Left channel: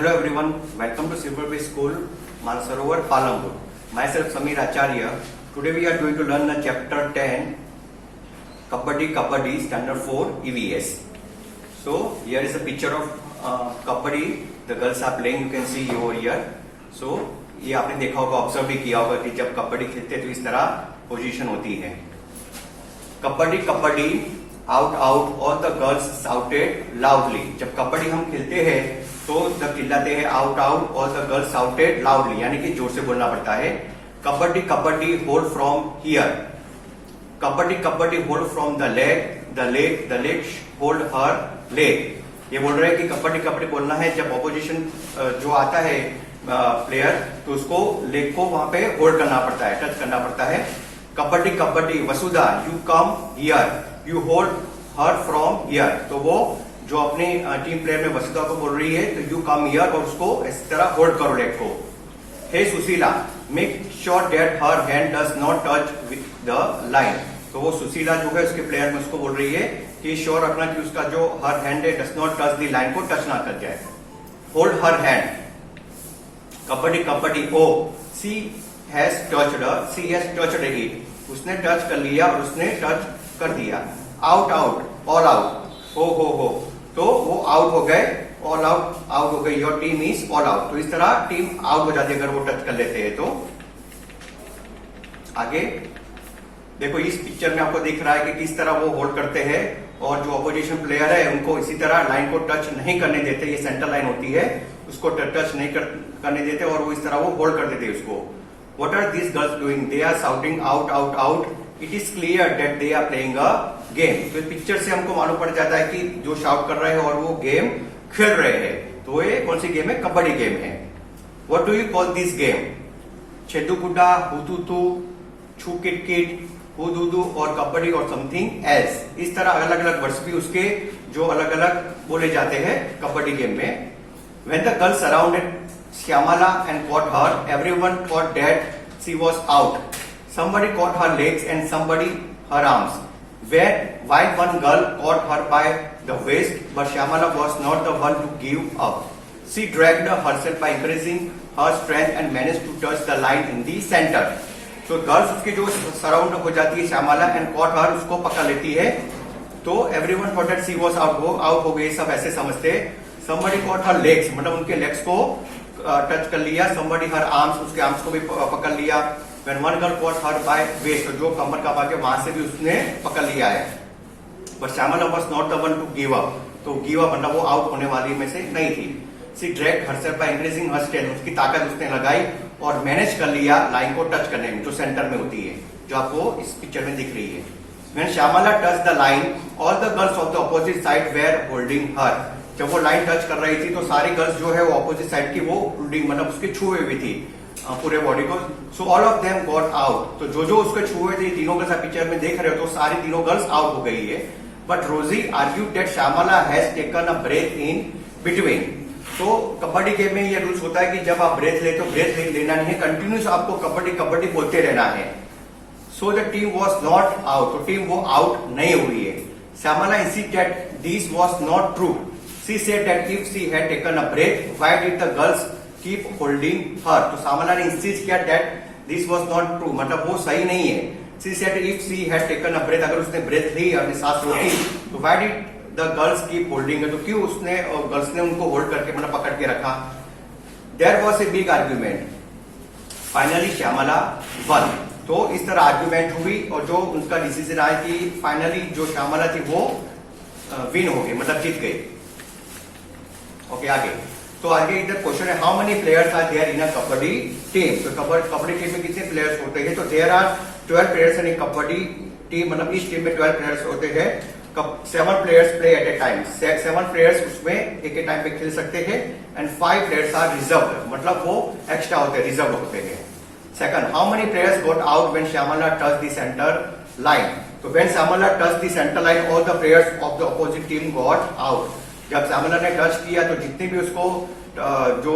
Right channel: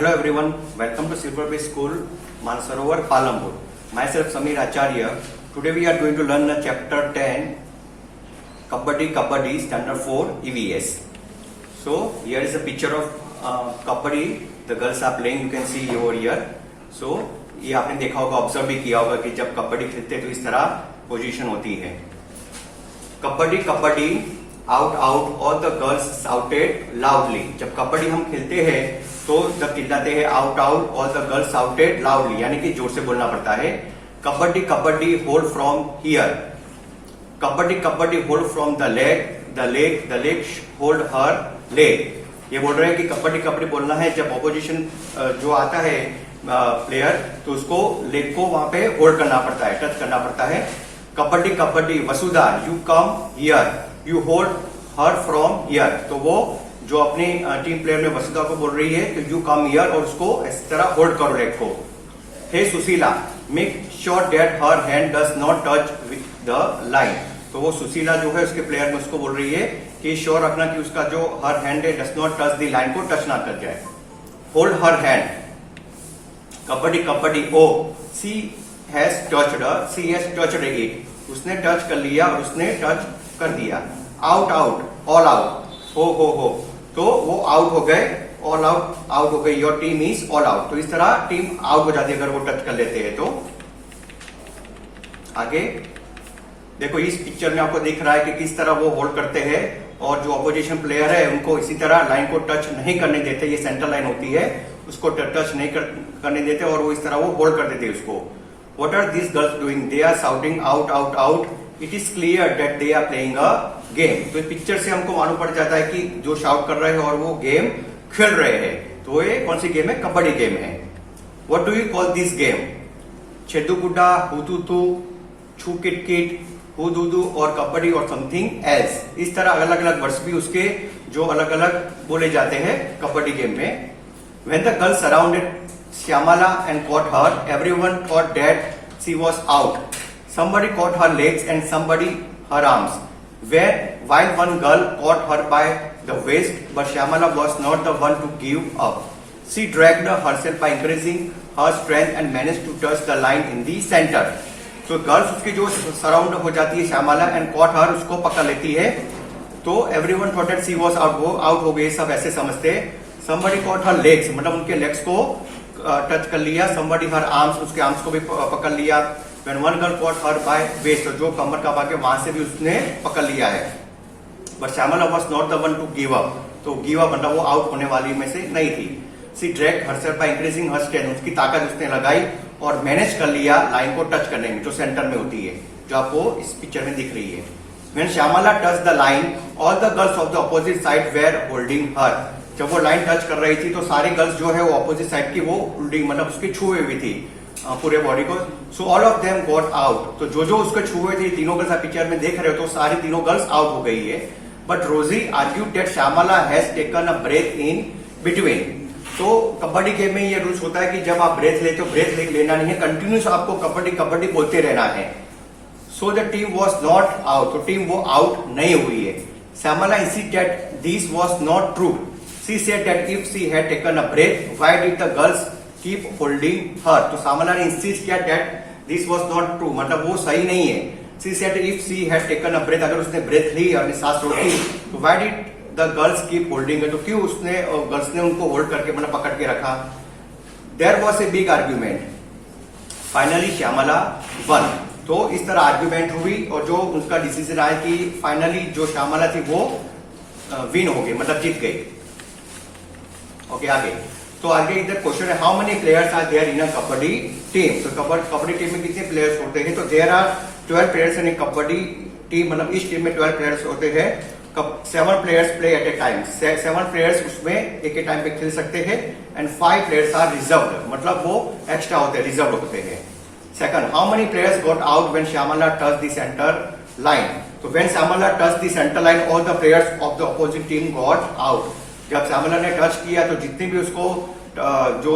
Hello everyone, welcome to Silver Bay School, Mansarovar, Palanpur. Myself Samir Acharya. Today we are going to learn the chapter 10, Kabaddi, Standard 4, EVS. So here is a picture of Kabaddi. The girls are playing, you can see over here. So ये आपने देखा होगा, observe भी किया होगा कि जब कबड्डी खेलते हैं तो इस तरह पोजीशन होती है. कबड्डी आउट आउट और द गर्ल्स शाउटेड लाउडली. जब कबड्डी हम खेलते हैं तो जब चिल्लाते हैं आउट आउट और द गर्ल्स शाउटेड लाउडली, यानी कि जोर से बोलना पड़ता है. Kabaddi hold from here. Kabaddi hold from the leg hold her leg. ये बोल रहे हैं कि कबड्डी बोलना है जब ऑपोजिशन जो आता है प्लेयर तो उसको लेग को वहां पे होल्ड करना पड़ता है, टच करना पड़ता है. Kabaddi Vasudha you come here, you hold her from here. तो वो जो अपने टीम प्लेयर में वसुधा को बोल रही है तो यू कम हियर और उसको इस तरह होल्ड करो लेग को. Hey Sushila make sure that her hand does not touch with the line. तो वो सुशीला जो है उसके प्लेयर में उसको बोल रही है कि श्योर रखना कि उसका जो हर हैंड है does not touch the line को टच ना कर जाए. Hold her hand. Kabaddi O C has touched it. उसने टच कर लिया और उसने टच कर दिया. Out all out. हो तो वो आउट हो गए, ऑल आउट हो गई. Your team is all out. तो इस तरह टीम आउट हो जाती है अगर वो टच कर लेते हैं तो. आगे देखो इस पिक्चर में आपको दिख रहा है कि किस तरह वो होल्ड करते हैं और जो अपोजिशन प्लेयर है उनको इसी तरह लाइन को टच नहीं करने देते. ये सेंटर लाइन होती है, उसको टच नहीं करने देते और वो इस तरह वो होल्ड कर देते उसको. What are this girls doing? They are shouting out out out. It is clear that they are playing a game. तो इस पिक्चर से हमको मालूम पड़ जाता है कि जो शाउट कर रहे हैं और वो गेम खेल रहे हैं. तो ये कौन सी गेम है? कबड्डी गेम है. What do you call this game? छेदू गुड्डा, हुतू छू किट, हुदू और कबड्डी और समथिंग एल्स. इस तरह अलग अलग वर्ड्स भी उसके जो अलग अलग बोले जाते हैं कबड्डी गेम में. When the girls surrounded Shyamala and caught her, everyone thought that she was out. Somebody caught her legs and somebody her arms. While one girl caught her by the waist, but Shyamala was not the one to give up. She dragged herself by increasing her strength and managed to touch the line in the center. तो girls उसकी जो surround हो जाती है Shyamala and caught her, उसको पकड़ लेती है. तो everyone thought that she was out हो गई, सब ऐसे समझते. somebody caught her legs, मतलब उनके लेग्स को टच कर लिया. somebody her arms, उसके आर्म्स को भी पकड़ लिया. when one girl caught her by waist, तो जो कमर का भाग है वहां से भी उसने पकड़ लिया है. but Shyamala was not the one to give up. तो गिव अप मतलब वो आउट होने वाली में से नहीं थी. she dragged herself by increasing her strength, उसकी ताकत उसने लगाई और मैनेज कर लिया लाइन को टच करने में, जो सेंटर में होती है, जो आपको इस पिक्चर में दिख रही है. when Shyamala touched the line, all the girls of the opposite side were holding her. जब वो लाइन टच कर रही थी तो सारी गर्ल्स जो है वो ऑपोजिट साइड की वो होल्डिंग मतलब उसके छुए हुई थी पूरे बॉडी को. So all of them got out. तो जो उसके छुए थे तीनों गर्ल्स आप पिक्चर में देख रहे हो तो सारी तीनों गर्ल्स आउट हो गई है. But Rosy argue that Shyamala has taken a break in between. तो कबड्डी गेम में ये रूल्स होता है कि जब आप ब्रेक लेते हो, ब्रेक लेना नहीं है, कंटिन्यूस आपको कबड्डी बोलते रहना है. So the team was not out. तो टीम वो आउट नहीं हुई है. Shyamala insist that this was not true. She said that if she had taken a break, why did the girls keep holding her? तो श्यामला ने इंसिस्ट किया that this was not true, मतलब वो सही नहीं है. She said if she had taken a breath, अगर उसने ब्रेथ ली, अपनी सांस रोकी, तो why did the girls keep holding her? तो क्यों उसने गर्ल्स ने उनको होल्ड करके मतलब पकड़ के रखा? There was a big argument. Finally Shyamala won. तो इस तरह आर्ग्यूमेंट हुई और जो उनका डिसीजन आया कि फाइनली जो श्यामला थी वो विन हो गई, मतलब जीत गई. ओके आगे. तो आगे इधर क्वेश्चन है how many players are there in a kabaddi team. तो कबड्डी टीम में कितने प्लेयर्स होते हैं? तो there are 12 players in kabaddi team, मतलब इस टीम में 12 प्लेयर्स होते हैं. 7 players play at a time. 7 players उसमें एक ही टाइम पे खेल सकते हैं. एंड 5 प्लेयर्स आर रिजर्व, मतलब वो एक्स्ट्रा होते हैं, रिजर्व होते हैं. Second, how many players got out when Shyamala touch the centre line. तो when Shyamala touch the centre line all the players of the opposite team got out. जब श्यामला ने touch किया तो जितने भी उसको जो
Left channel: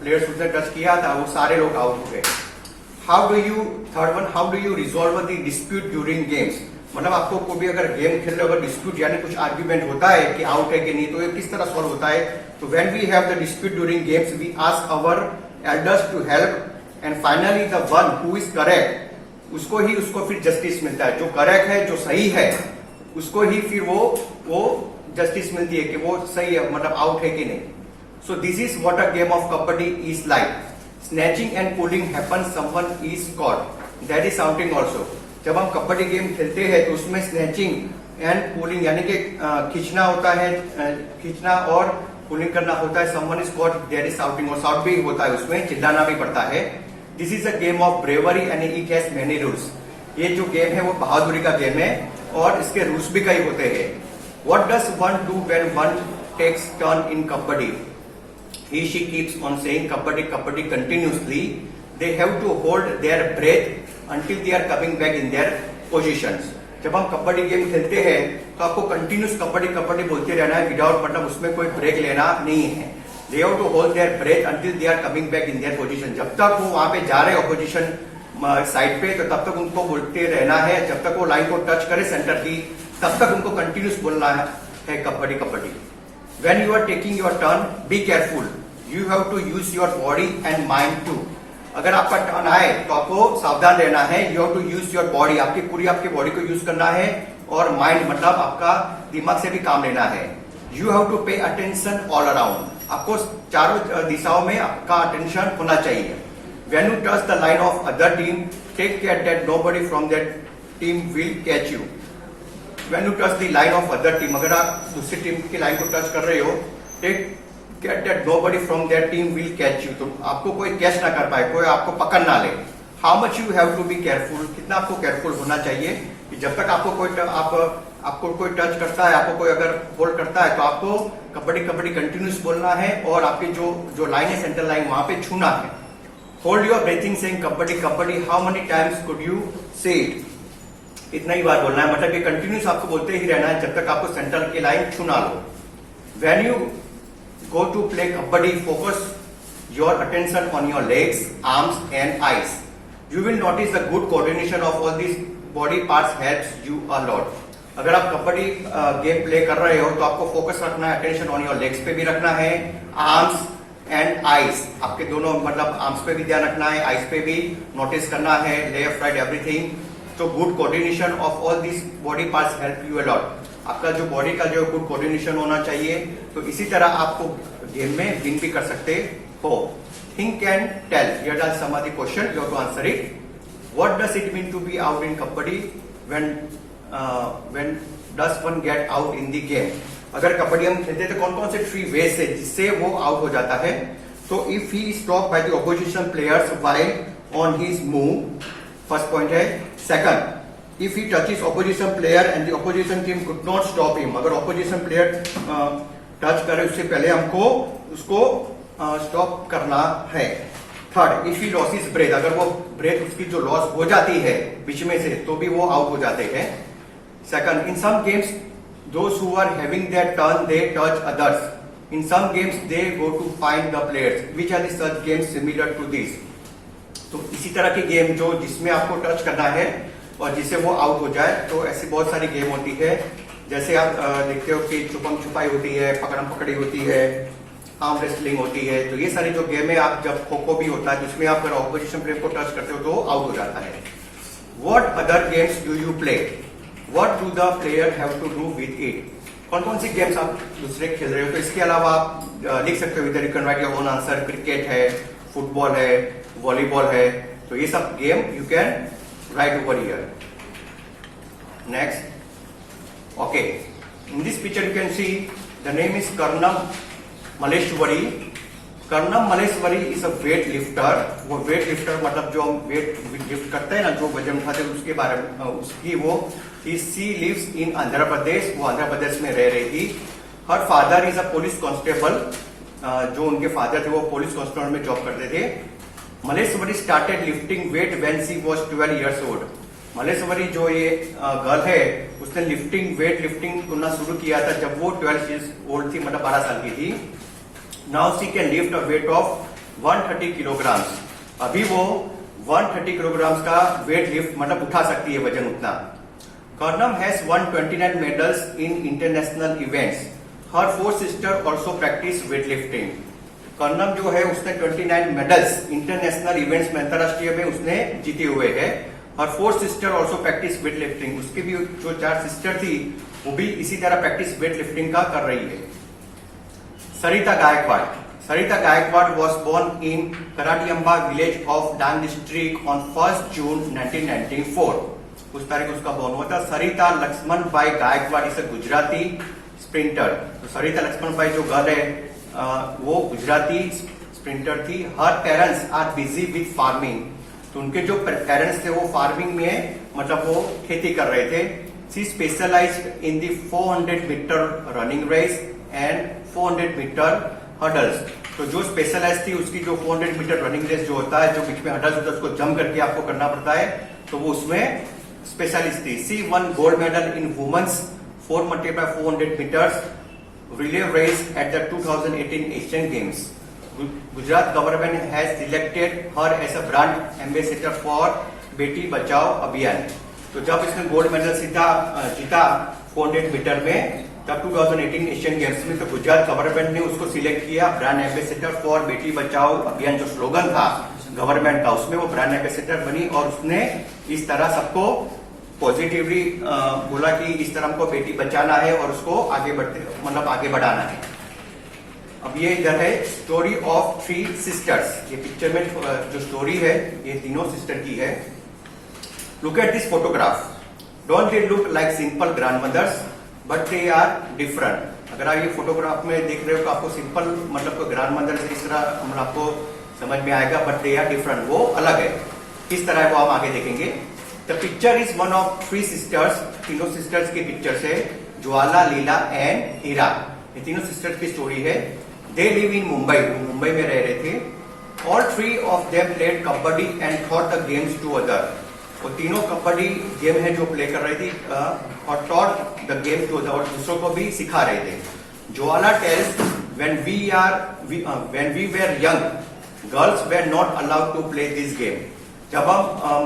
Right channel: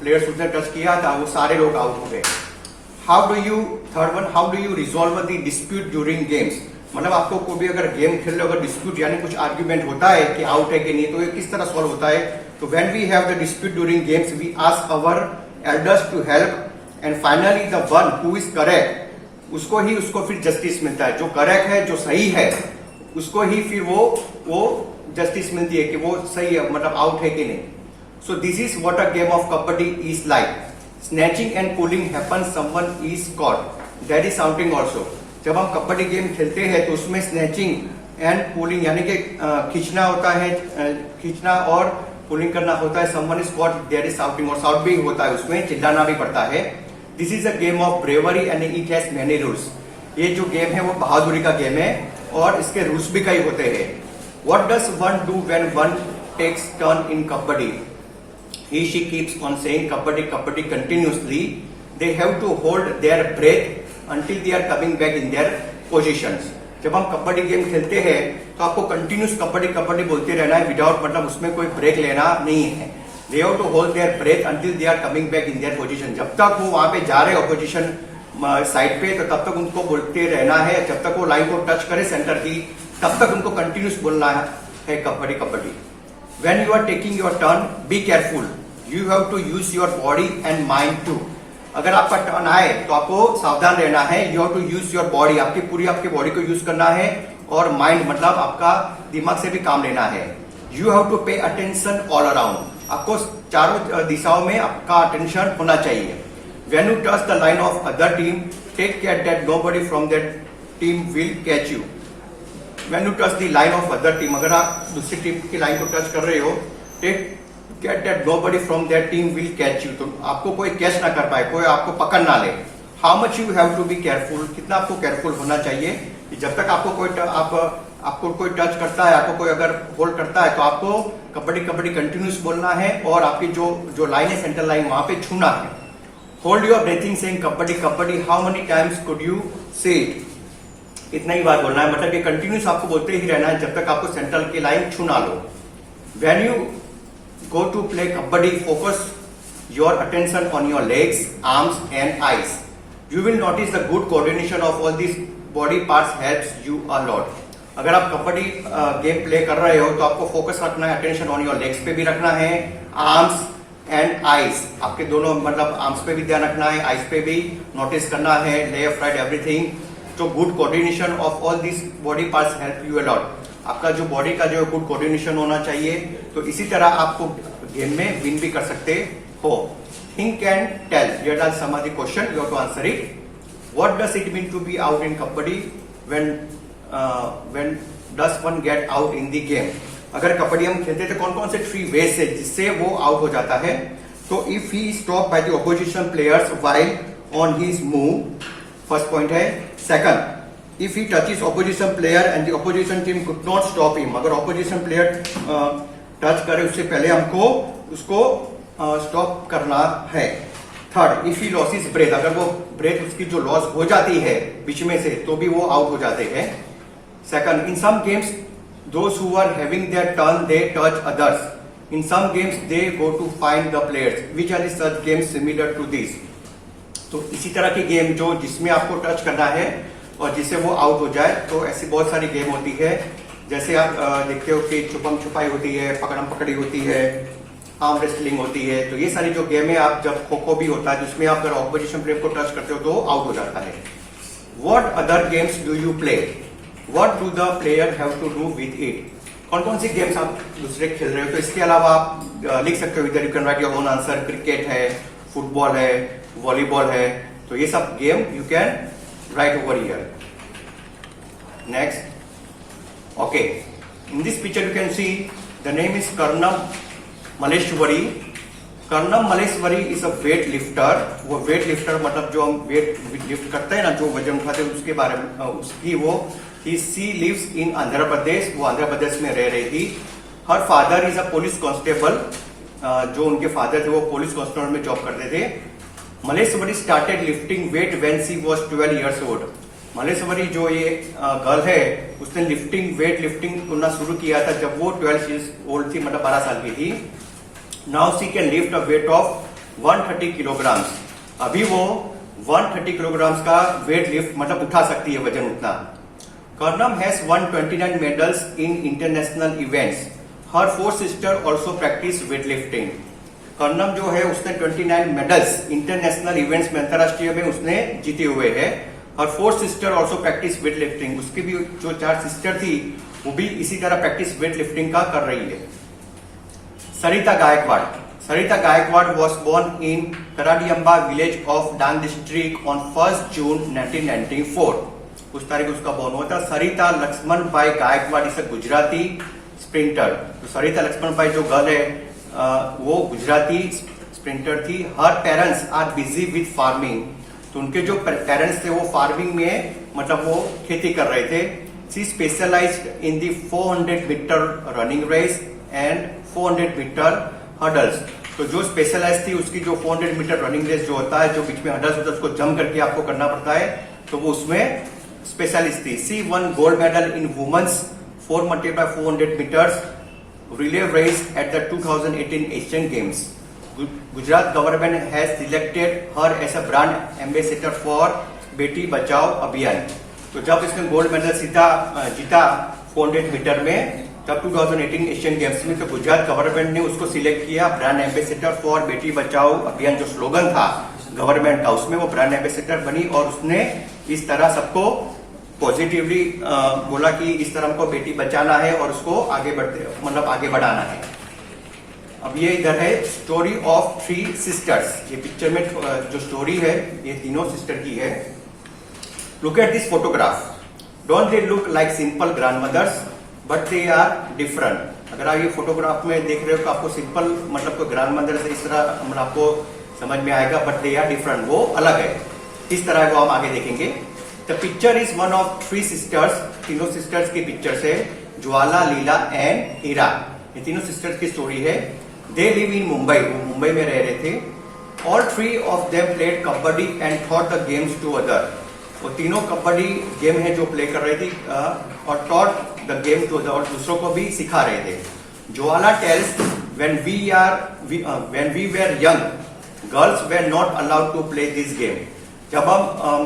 प्लेयर्स उसने टच किया था वो सारे लोग आउट हो गए. Third one, how do you resolve the dispute during games. मतलब आपको कोई भी अगर गेम खेल रहे हो, अगर डिस्प्यूट यानी कुछ आर्ग्यूमेंट होता है कि आउट है कि नहीं, तो ये किस तरह सॉल्व होता है? तो when we have the dispute during games we ask our elders to help and finally the one who is correct उसको फिर जस्टिस मिलता है। जो करेक्ट है, जो सही है, उसको ही फिर वो जस्टिस मिलती है कि वो सही है, मतलब आउट है कि नहीं। So this is what a game of kabaddi is like. Snatching and pulling happen, someone is caught, that is shouting also. जब हम कबड्डी गेम खेलते हैं तो उसमें स्नैचिंग एंड पुलिंग यानी कि खींचना होता है, खींचना और पुलिंग करना होता है। Someone is caught, there is shouting, और शाउट भी होता है, उसमें चिल्लाना भी पड़ता है। This is a game of bravery and it has many rules. ये जो गेम है वो बहादुरी का गेम है और इसके रूल्स भी कई होते हैं। What does one do when one takes turn in kabaddi? He she keeps on saying kabaddi kabaddi continuously. They have to hold their breath until they are coming back in their positions. जब हम kabaddi game खेलते हैं तो आपको continuous kabaddi kabaddi बोलते रहना है without, मतलब उसमें कोई ब्रेक लेना नहीं है। They have to hold their breath until they are coming back in their position. जब तक वो वहां पे जा रहे ऑपोजिशन साइड पे, तो तब तक उनको बोलते रहना है। जब तक वो लाइन को टच करे सेंटर की, तब तक उनको कंटिन्यूस बोलना है kabaddi kabaddi. When you are taking your turn, be careful. You have to use your body and mind too. अगर आपका टर्न आए तो आपको सावधान रहना है। You have to use your body. आपकी बॉडी को यूज करना है और माइंड मतलब आपका दिमाग से भी काम लेना है। You have to pay attention all around. आपको चारों दिशाओं में आपका अटेंशन होना चाहिए। When you touch the line of other team, take care that nobody from that team will catch you. When you touch the line of other team, अगर आप दूसरी टीम की लाइन को टच कर रहे हो, take care that nobody from that team will catch you. तो आपको कोई कैच ना कर पाए, कोई आपको पकड़ ना ले। How much you have to be careful? कितना आपको केयरफुल होना चाहिए कि जब तक आपको कोई टच करता है, आपको कोई अगर होल्ड करता है, तो आपको कबड्डी कबड्डी कंटिन्यूस बोलना है और आपकी जो लाइन है सेंटर लाइन वहां पे छूना है। Hold your breathing saying kabaddi kabaddi, how many times could you से इट? इतना ही बार बोलना है, मतलब ये कंटिन्यूस आपको बोलते ही रहना है जब तक आपको सेंट्रल की लाइन छू ना लो। When you go to play kabaddi, focus your attention on your legs, arms and eyes. You will notice the good coordination of all this body parts helps you a lot. अगर आप kabaddi game play कर रहे हो तो आपको focus रखना है, attention on your legs पे भी रखना है, आर्म्स एंड आईज, आपके दोनों मतलब आर्म्स पे भी ध्यान रखना है, आईज पे भी नोटिस करना है, लेफ्ट राइट एवरीथिंग। जो good coordination of all this body parts help you a lot. आपका जो बॉडी का जो गुड कोऑर्डिनेशन होना चाहिए, तो इसी तरह आपको गेम में विन भी कर सकते हो। Think and tell, here are some of the question, you have to answer it. What does it mean to be out in kabaddi? When does one get out in the game? अगर कबड्डी हम खेलते हैं तो कौन कौन से 3 वेज है जिससे वो आउट हो जाता है? तो if he stop by the opposition players while on his move, first point है। Second, if he touches opposition player and the opposition team could not stop him, अगर ऑपोजिशन प्लेयर टच करे उससे पहले हमको उसको स्टॉप करना है। Third, if he loses breath, अगर वो ब्रेथ उसकी जो लॉस हो जाती है बीच में से तो भी वो आउट हो जाते हैं। Second, in some games those who are having their turn they touch others. In some games they go to find the players. Which are the such games similar to this? तो इसी तरह की game जो जिसमें आपको touch करना है और जिससे वो आउट हो जाए, तो ऐसी बहुत सारी गेम होती है। जैसे आप देखते हो कि छुपम छुपाई होती है, पकड़म पकड़ी होती है, आर्म रेसलिंग होती है। तो ये सारी जो गेम है, आप जब खो खो भी होता है जिसमें आप अगर ऑपोजिशन प्लेयर को टच करते हो तो आउट हो जाता है। What other games do you play? What do the player have to do with it? कौन कौन सी गेम्स आप दूसरे खेल रहे हो? तो इसके अलावा आप लिख सकते हो, इधर you can write your own answer. Cricket है, फुटबॉल है, वॉलीबॉल है, तो ये सब game you can write over here. Next, okay, in this picture you can see the name is Karnam Malleswari. Karnam Malleswari is a weight lifter. वो वेट लिफ्टर मतलब जो हम वेट लिफ्ट करते हैं ना, जो वजन उठाते हैं, उसके बारे में उसकी वो she lives in Andhra Pradesh. वो आंध्र प्रदेश में रह रही थी। Her father is a police constable. जो उनके फादर थे वो पुलिस कांस्टेबल में जॉब करते थे। Malleswari started lifting wait when she was 12 years old. Malleswari जो ये गर्ल है, उसने वेट लिफ्टिंग करना शुरू किया था जब वो 12 इयर्स ओल्ड थी, मतलब 12 साल की थी। Now she can lift a weight of 130 kilograms. अभी वो 130 किलोग्राम्स का वेट लिफ्ट मतलब उठा सकती है, वजन उतना। Karnam has won 29 medals in international events. Her four sisters also practice weightlifting. Karnam जो है उसने 29 मेडल्स इंटरनेशनल इवेंट्स में, अंतरराष्ट्रीय में उसने जीते हुए है. Her four sister also practise weight lifting. उसकी भी जो 4 सिस्टर थी वो भी इसी तरह प्रैक्टिस वेट लिफ्टिंग का कर रही है. सरिता Gaekwad. Sarita Gaikwad was born in Karadiyamba village of Dang district on 1st June 1994. उस तारीख उसका बोर्न हुआ था. सरिता लक्ष्मण भाई गायकवाड़ इस गुजराती स्प्रिंटर. तो सरिता लक्ष्मण भाई जो गर्ल है वो गुजराती स्प्रिंटर थी. Her parents are busy with farming. तो उनके जो पेरेंट्स थे वो फार्मिंग में मतलब वो खेती कर रहे थे. She specialised in the 400 metre running race and 400 metre hurdles. तो जो स्पेशलाइज थी उसकी जो 400 मीटर रनिंग रेस जो होता है, जो बीच में हर्डल्स होता है उसको जंप करके आपको करना पड़ता है, तो वो उसमें स्पेशलिस्ट थी. She won gold medal in women's 4x400 metres relay race at the 2018 Asian Games. Gujarat government has selected her as a brand ambassador for Beti Bachao अभियान. तो जब इसने गोल्ड मेडल जीता 400 मीटर में तब 2018 एशियन गेम्स में, तो गुजरात गवर्नमेंट ने उसको सिलेक्ट किया brand ambassador for Beti Bachao अभियान. जो स्लोगन था गवर्नमेंट का उसमें वो ब्रांड एम्बेसडर बनी और उसने इस तरह सबको पॉजिटिवली बोला कि इस तरह हमको बेटी बचाना है और उसको आगे आगे बढ़ाना है. अब ये इधर है स्टोरी ऑफ 3 सिस्टर्स. ये पिक्चर में जो स्टोरी है ये तीनों सिस्टर की है. Look at this photograph. Don't they look like simple grandmothers but they are different. अगर आप ये फोटोग्राफ में देख रहे हो तो आपको सिंपल मतलब ग्रैंड मदर से इस तरह मतलब आपको समझ में आएगा, बट दे आर डिफरेंट. वो अलग है. किस तरह है वो हम आगे देखेंगे. The picture is one of 3 sisters. तीनों सिस्टर्स की पिक्चर्स है. ज्वाला, लीला एंड हीरा. ये तीनों सिस्टर्स की स्टोरी है. They live in Mumbai. वो मुंबई में रह रहे थे. All 3 of them played kabaddi and thought the games to other. वो तीनों कबड्डी गेम है जो प्ले कर रही थी और taught the game to other, और दूसरों को भी सिखा रहे थे. Jwala tells when we were young girls were not allowed to play this game. जब हम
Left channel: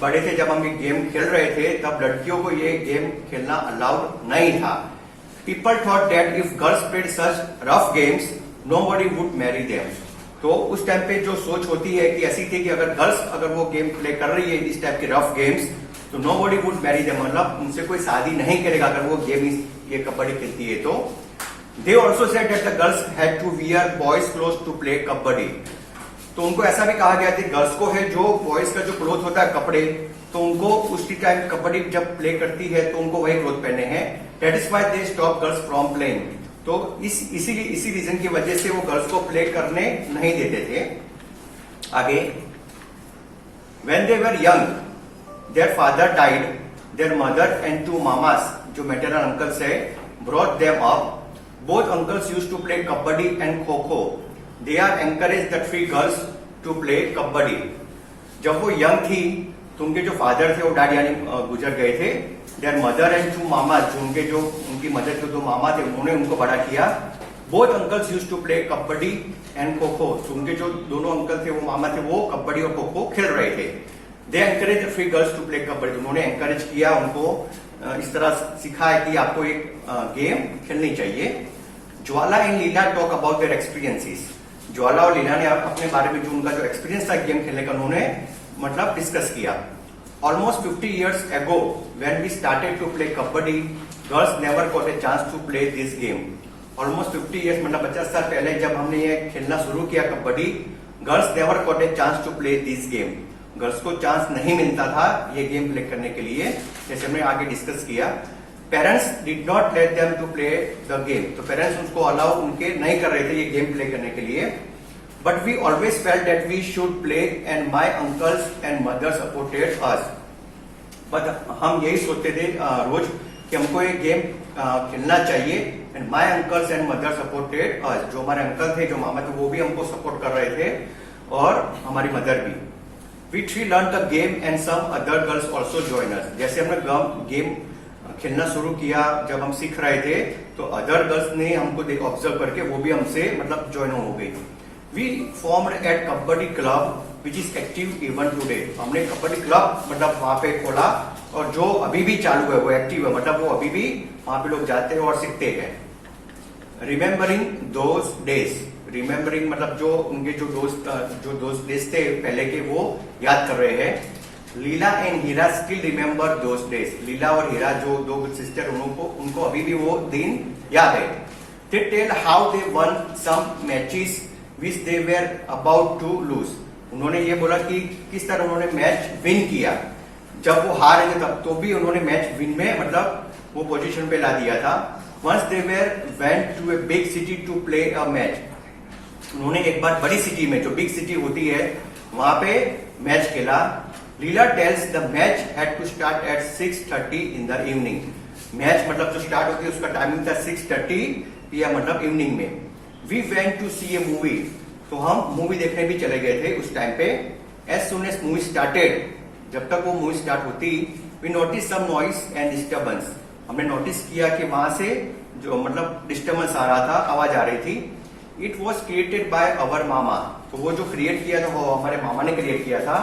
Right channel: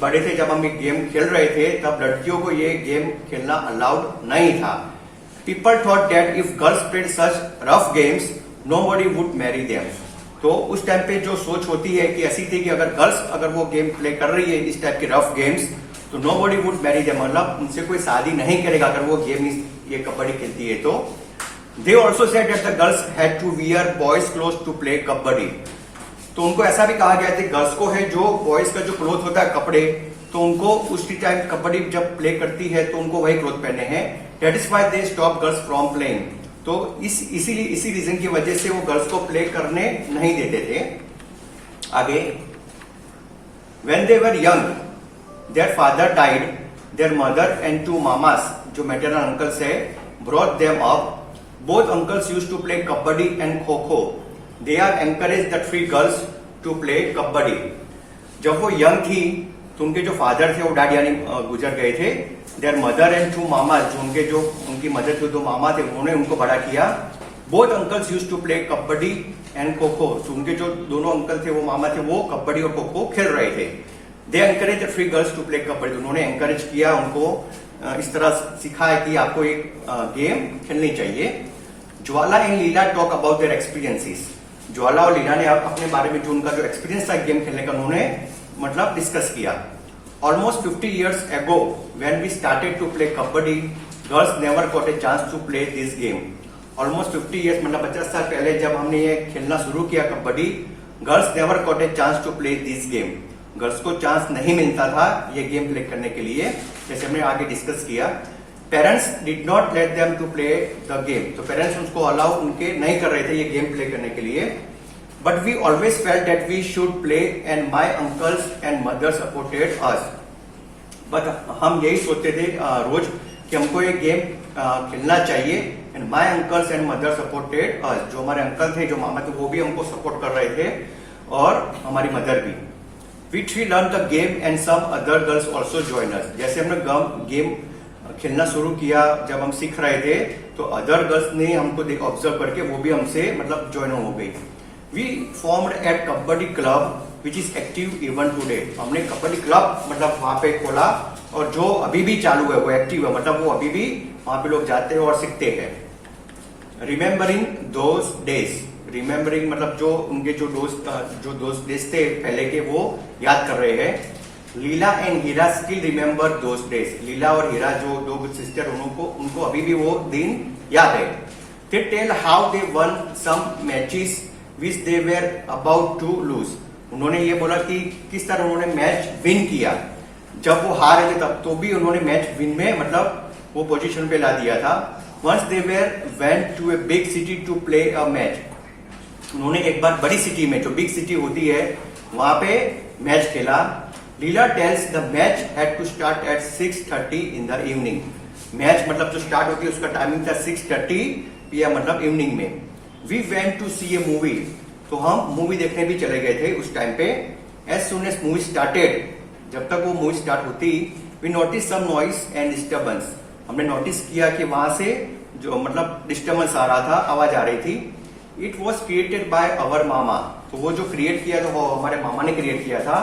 बड़े थे, जब हम ये गेम खेल रहे थे तब लड़कियों को ये गेम खेलना अलाउड नहीं था. People thought that if girls played such rough games nobody would marry them. तो उस टाइम पे जो सोच होती है कि ऐसी थी कि अगर वो गेम प्ले कर रही है इस टाइप के रफ गेम्स तो नोबडी वुड मैरी देम. मतलब उनसे कोई शादी नहीं करेगा अगर वो गेम ये कबड्डी खेलती है. तो they also said that the girls had to wear boys cloth to play kabaddi. तो उनको ऐसा भी कहा गया था गर्ल्स को है जो बॉयज का जो क्लोथ होता है कपड़े, तो उनको उसी टाइम कबड्डी जब प्ले करती है तो उनको वही क्लोथ पहने हैं. That is why they stop girls from playing. तो इसी रीजन की वजह से वो गर्ल्स को प्ले करने नहीं देते थे. आगे when they were young their father died. Their mother and 2 mamas जो मैटरनल अंकल्स है brought them up. Both uncles used to play kabaddi and kho kho. They are encourage the 3 girls to play kabaddi. जब वो यंग थी तो उनके जो फादर थे वो डैड यानी गुजर गए थे. देयर मदर एंड 2 मामा जो उनकी मदर थे 2 मामा थे उन्होंने उनको बड़ा किया. Both uncles used to play kabaddi and kho kho. तो उनके जो दोनों अंकल थे वो मामा थे वो कबड्डी और खो खो खेल रहे थे. They encourage the 3 girls to play kabaddi. उन्होंने एनकरेज किया उनको इस तरह सिखाया कि आपको एक गेम खेलनी चाहिए. Jwala and Leela talk about their experiences. Jwala और लीला ने अपने बारे में जो उनका जो एक्सपीरियंस था गेम खेलने का उन्होंने डिस्कस किया. Almost 50 years ago, when we started to play kabaddi, girls never got a chance to play this game. Almost 50 years 50 साल पहले जब हमने ये खेलना शुरू किया kabaddi, girls never got a chance to play this game. Girls को चांस नहीं मिलता था ये गेम प्ले करने के लिए, जैसे हमने आगे डिस्कस किया. Parents did not let them to play the game. तो पेरेंट्स उसको अलाउ उनके नहीं कर रहे थे ये गेम प्ले करने के लिए. But we always felt that we should play and my uncles and mother supported us. But हम यही सोचते थे रोज कि हमको ये गेम खेलना चाहिए. And my uncles and mother supported us. जो हमारे अंकल थे जो मामा थे वो भी हमको सपोर्ट कर रहे थे और हमारी मदर भी. We 3 learned the game and some other girls also joined us. जैसे हमने गेम खेलना शुरू किया जब हम सीख रहे थे तो अदर गर्ल्स ने हमको ऑब्जर्व करके वो भी हमसे ज्वाइन हो गई. We formed a kabaddi club which is active even today. हमने कबड्डी क्लब मतलब वहां पे खोला और जो अभी भी चालू है, वो एक्टिव है, मतलब वो अभी भी वहां पे लोग जाते हैं और सीखते हैं। रिमेम्बरिंग दोज डेज, रिमेम्बरिंग मतलब जो उनके जो दोस्त डेज थे पहले के, वो याद कर रहे हैं। Leela and Hira still remember those days, Leela और हीरा जो दो सिस्टर, उनको अभी भी वो दिन याद है। They tell how they won some matches which they were about to lose, उन्होंने ये बोला कि किस तरह उन्होंने मैच विन किया, जब वो हार रहे थे तब तो भी उन्होंने मैच विन में मतलब वो पोजीशन पे ला दिया था। Once they were went to a big city to play a match, उन्होंने एक बार बड़ी सिटी में, जो बिग सिटी होती है, वहां पे मैच खेला। Leela tells the match had to start at 6:30 in the evening, match मतलब जो स्टार्ट होती है उसका टाइमिंग था 6:30 PM मतलब इवनिंग में। We went to see a movie, तो हम मूवी देखने भी चले गए थे उस टाइम पे। As soon as movie started, जब तक वो मूवी स्टार्ट होती, we notice some noise and disturbance, हमने नोटिस किया कि वहां से जो मतलब डिस्टर्बेंस आ रहा था, आवाज आ रही थी। It was created by our mama, तो वो जो क्रिएट किया था वो हमारे मामा ने क्रिएट किया था।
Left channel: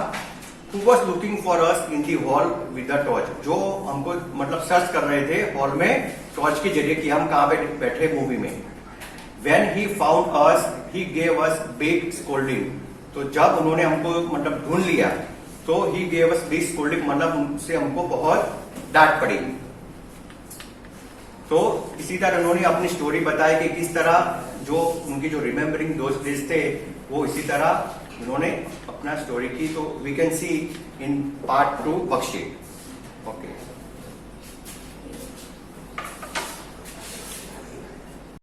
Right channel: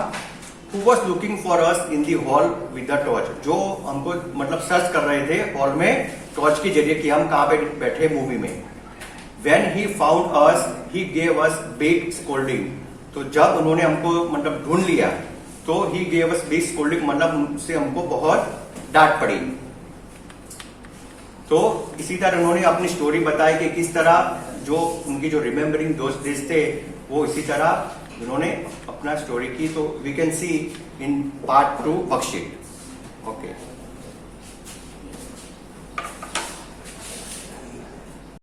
Who was looking for us in the hall with the torch, जो हमको मतलब सर्च कर रहे थे हॉल में टॉर्च के जरिए कि हम कहाँ पे बैठे मूवी में। When he found us, he gave us big scolding, तो जब उन्होंने हमको मतलब ढूंढ लिया तो he gave us big scolding, मतलब उनसे हमको बहुत डांट पड़ी। तो इसी तरह उन्होंने अपनी स्टोरी बताई कि किस तरह जो उनकी जो रिमेम्बरिंग दोस्त डेज थे, वो इसी तरह उन्होंने अपना स्टोरी की। तो we can see in part 2 worksheet. Okay.